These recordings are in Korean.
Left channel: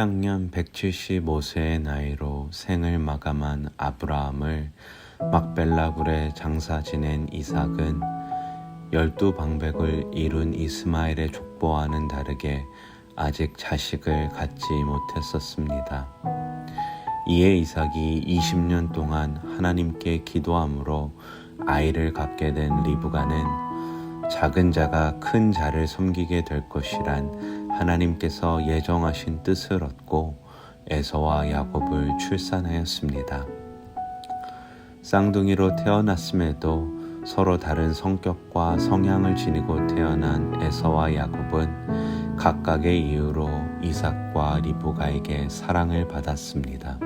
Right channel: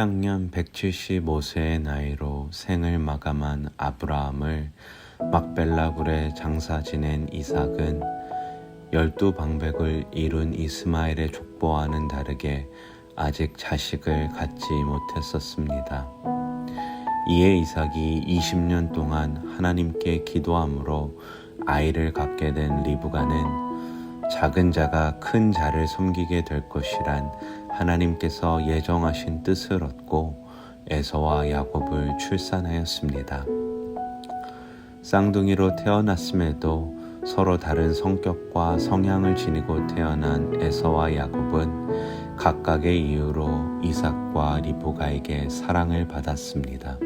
향년 175세의 나이로 생을 마감한 아브라함을 막벨라 굴에 장사 지낸 이삭은 12방백을 이룬 이스마엘의 족보와는 다르게 아직 자식을 갖지 못했었습니다. 이에 이삭이 20년 동안 하나님께 기도함으로 아이를 갖게 된 리브가는 작은 자가 큰 자를 섬기게 될 것이란 하나님께서 예정하신 뜻을 얻고 에서와 야곱을 출산하였습니다. 쌍둥이로 태어났음에도 서로 다른 성격과 성향을 지니고 태어난 에서와 야곱은 각각의 이유로 이삭과 리브가에게 사랑을 받았습니다.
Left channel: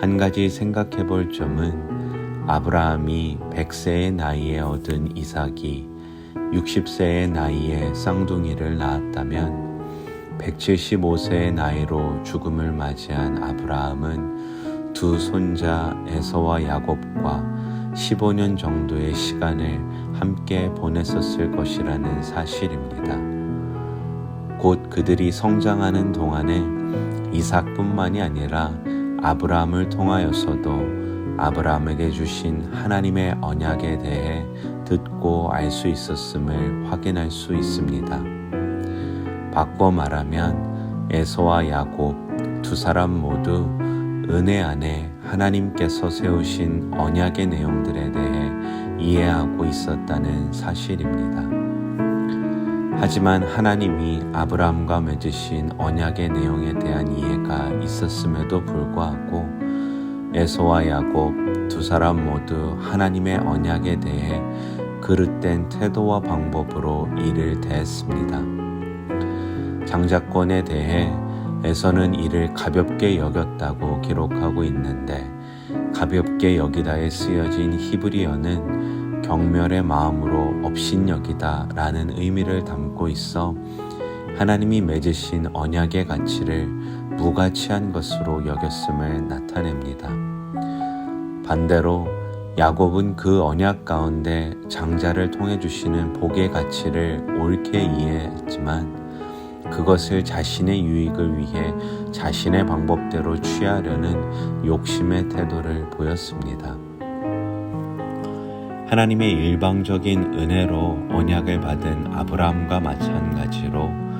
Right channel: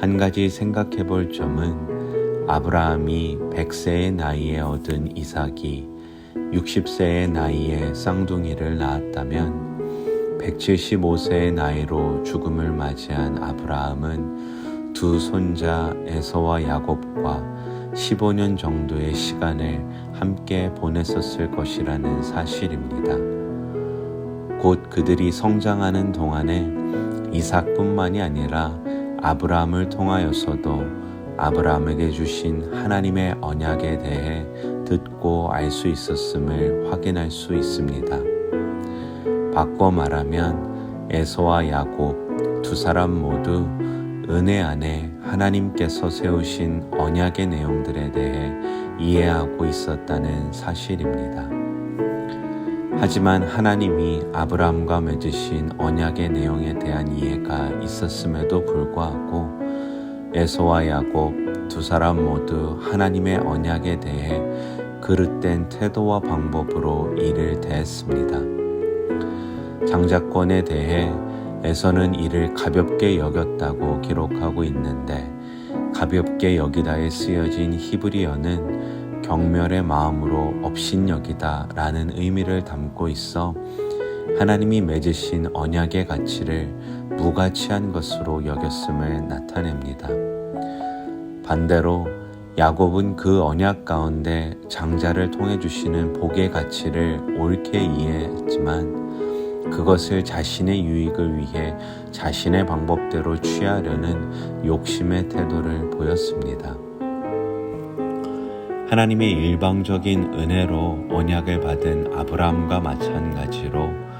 한 가지 생각해 볼 점은 아브라함이 100세의 나이에 얻은 이삭이 60세의 나이에 쌍둥이를 낳았다면 175세의 나이로 죽음을 맞이한 아브라함은 두 손자 에서와 야곱과 15년 정도의 시간을 함께 보냈었을 것이라는 사실입니다. 곧 그들이 성장하는 동안에 이삭뿐만이 아니라 아브라함을 통하여서도 아브라함에게 주신 하나님의 언약에 대해 듣고 알 수 있었음을 확인할 수 있습니다. 바꿔 말하면 에서와 야곱 두 사람 모두 은혜 안에 하나님께서 세우신 언약의 내용들에 대해 이해하고 있었다는 사실입니다. 하지만 하나님이 아브라함과 맺으신 언약의 내용에 대한 이해가 있었음에도 불구하고 에서와 야곱 두 사람 모두 하나님의 언약에 대해 그릇된 태도와 방법으로 이를 대했습니다. 장자권에 대해 에서는 이를 가볍게 여겼다고 기록하고 있는데 가볍게 여기다에 쓰여진 히브리어는 경멸의 마음으로 업신여기다 라는 의미를 담고 있어 하나님이 맺으신 언약의 가치를 무가치한 것으로 여겼음을 나타냅니다. 반대로 야곱은 그 언약 가운데 장자를 통해 주시는 복의 가치를 옳게 이해했지만 그것을 자신의 유익을 위해 자신의 방법대로 취하려는 욕심의 태도를 보였습니다. 하나님의 일방적인 은혜로 언약을 받은 아브라함과 마찬가지로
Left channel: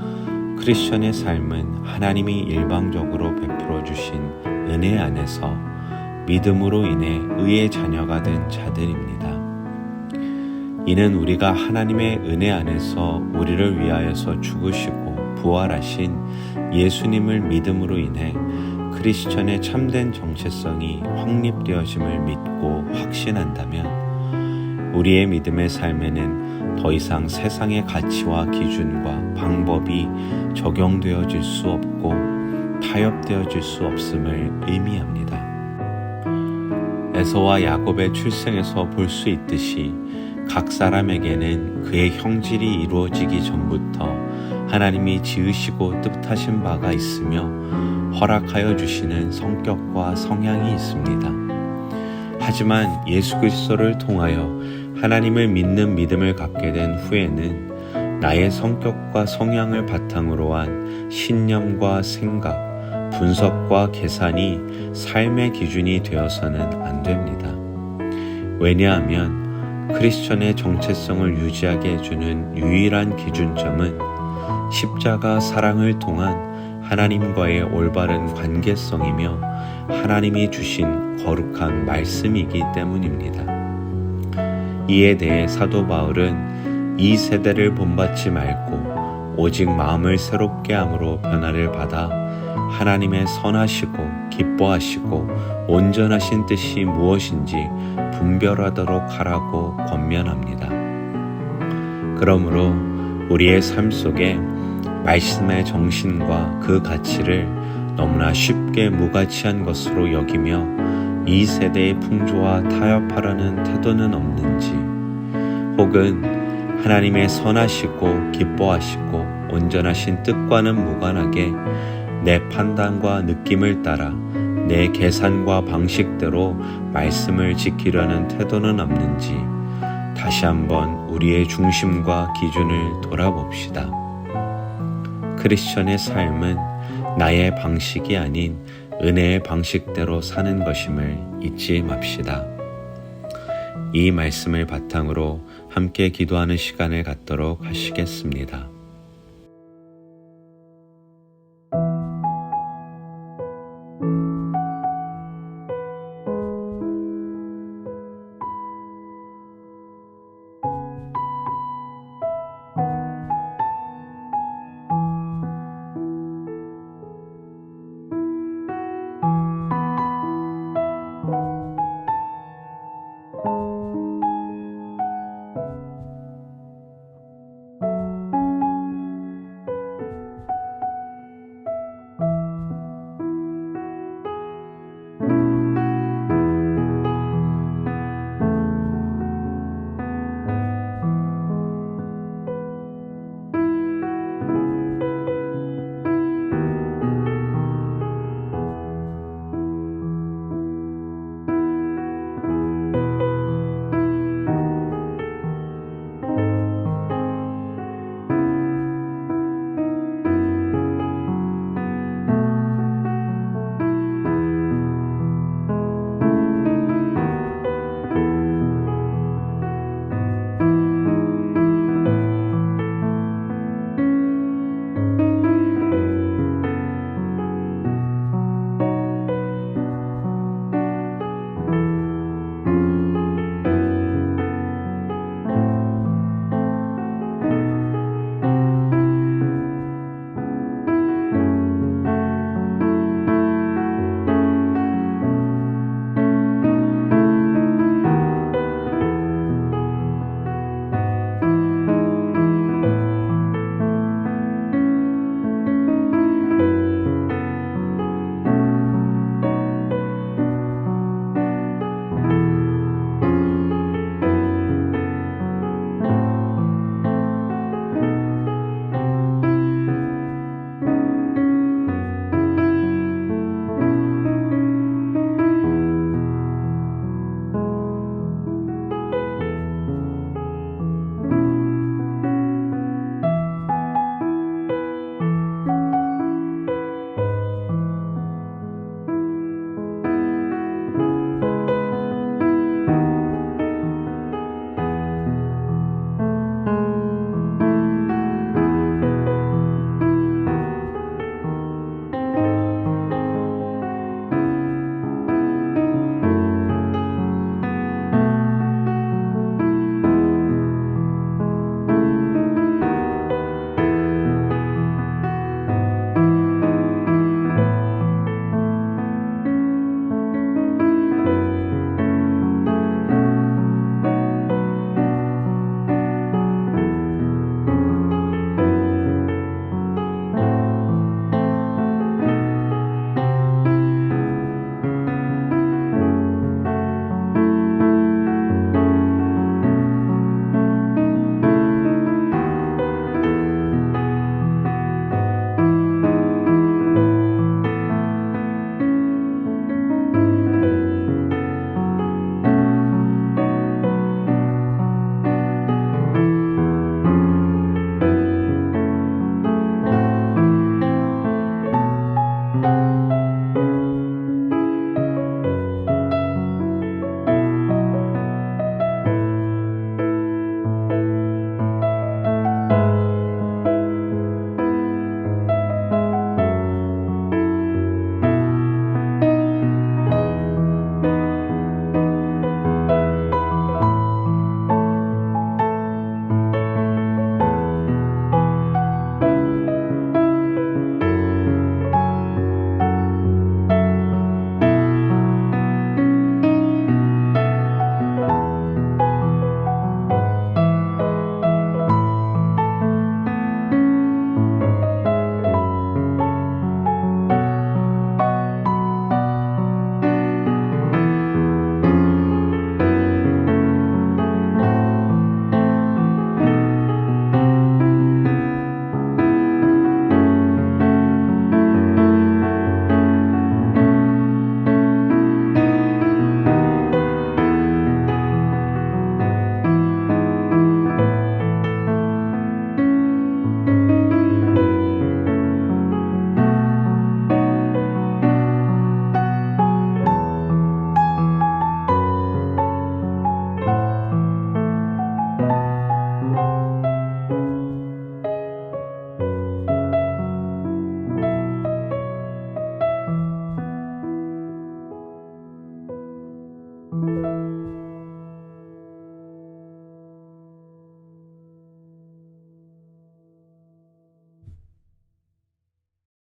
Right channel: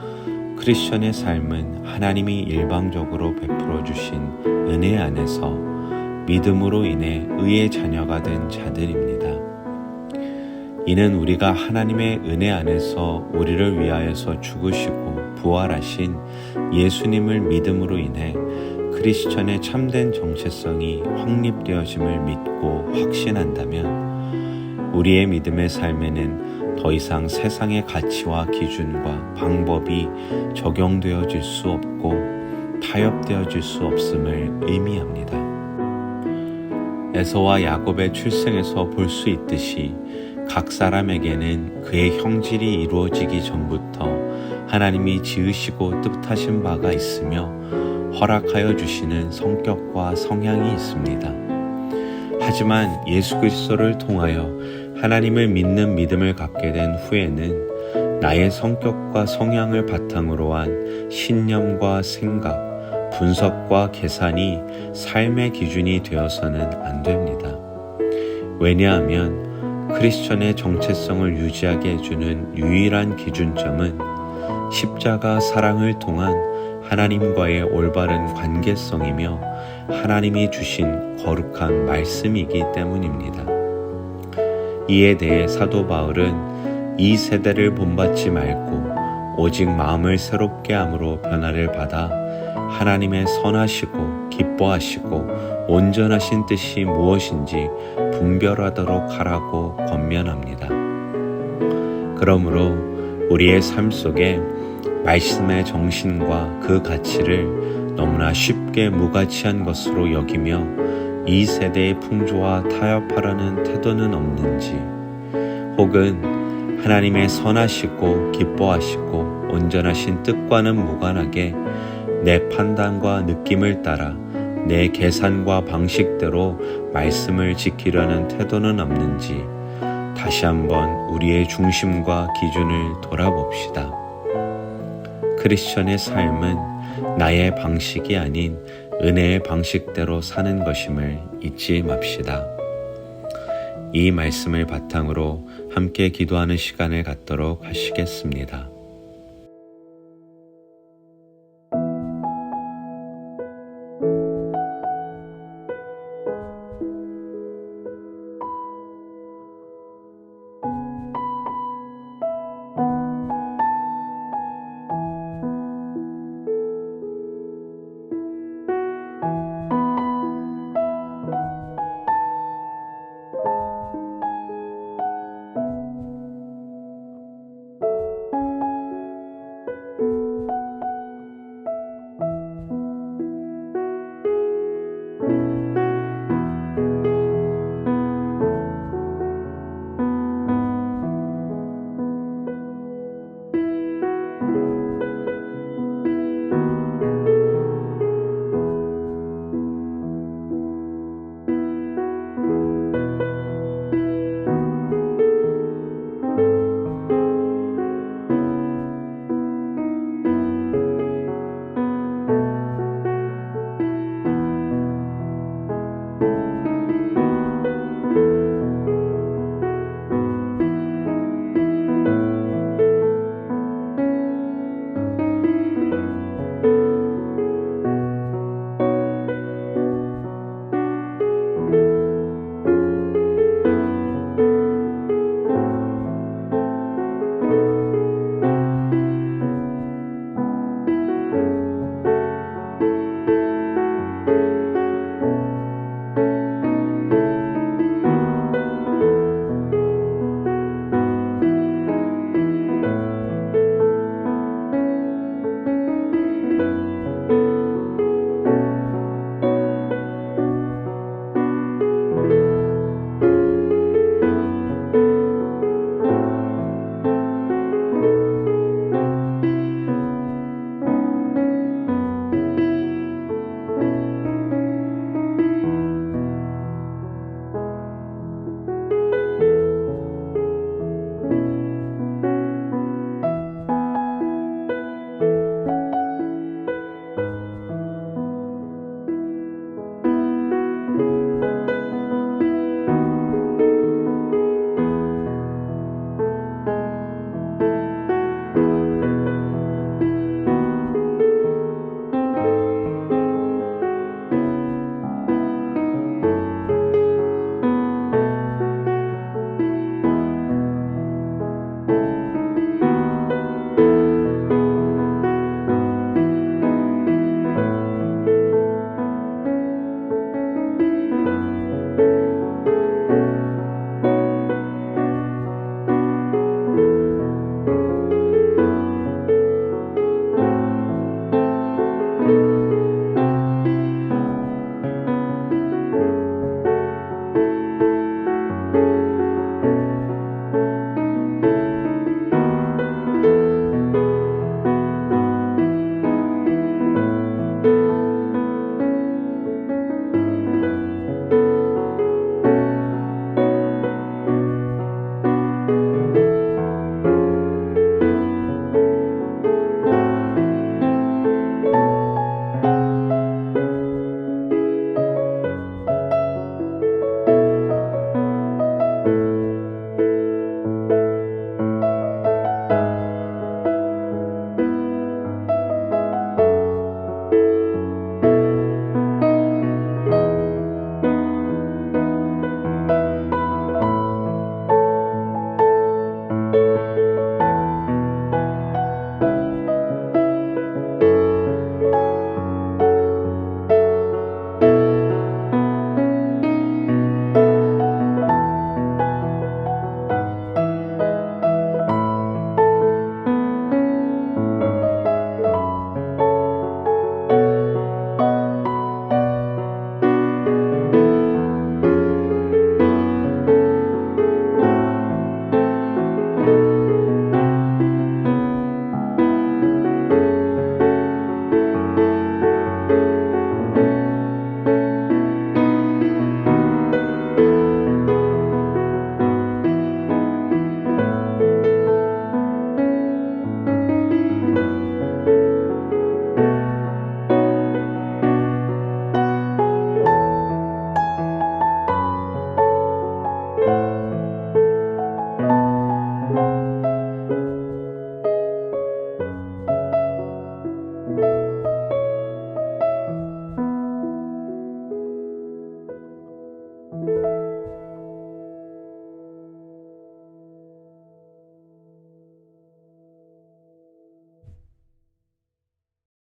크리스천의 삶은 하나님이 일방적으로 베풀어 주신 은혜 안에서 믿음으로 인해 의의 자녀가 된 자들입니다. 이는 우리가 하나님의 은혜 안에서 우리를 위하여서 죽으시고 부활하신 예수님을 믿음으로 인해 크리스천의 참된 정체성이 확립되어짐을 믿고 확신한다면 우리의 믿음의 삶에는 더 이상 세상의 가치와 기준과 방법이 적용되어질 수 없고 타협되어질 수 없음을 의미합니다. 에서와 야곱의 출생에서 볼 수 있듯이 각 사람에게는 그의 형질이 이루어지기 전부터 하나님이 지으시고 뜻하신 바가 있으며 허락하여 주시는 성격과 성향이 있습니다. 하지만 예수 그리스도를 통하여 하나님을 믿는 믿음을 갖게 된 후에는 나의 성격과 성향을 바탕으로 한 신념과 생각, 분석과 계산이 삶의 기준이 되어서는 안 됩니다. 왜냐하면 크리스천의 정체성을 유지하게 해주는 유일한 기준점은 십자가 사랑을 통한 하나님과의 올바른 관계성이며 하나님이 주신 거룩한 말씀이기 때문입니다. 이에 대해 사도 바울은 이 세대를 본받지 말고 오직 마음을 새롭게 함으로 변화를 받아 하나님의 선하시고 기뻐하시고 온전하신 뜻이 무엇인지 분별하도록 하라고 권면합니다. 그러므로 우리의 삶 속에 말씀의 정신과 그 가치를 너무나 쉽게 무가치한 것으로 여기며 이 세대의 풍조와 타협하려는 태도는 없는지, 혹은 하나님의 선하시고 기뻐하시고 온전하신 뜻과는 무관하게 내 판단과 느낌을 따라 내 계산과 방식대로 말씀을 지키려는 태도는 없는지 다시 한번 우리의 중심과 기준을 돌아봅시다. 크리스천의 삶은 나의 방식이 아닌 은혜의 방식대로 사는 것임을 잊지 맙시다. 이 말씀을 바탕으로 함께 기도하는 시간을 갖도록 하시겠습니다.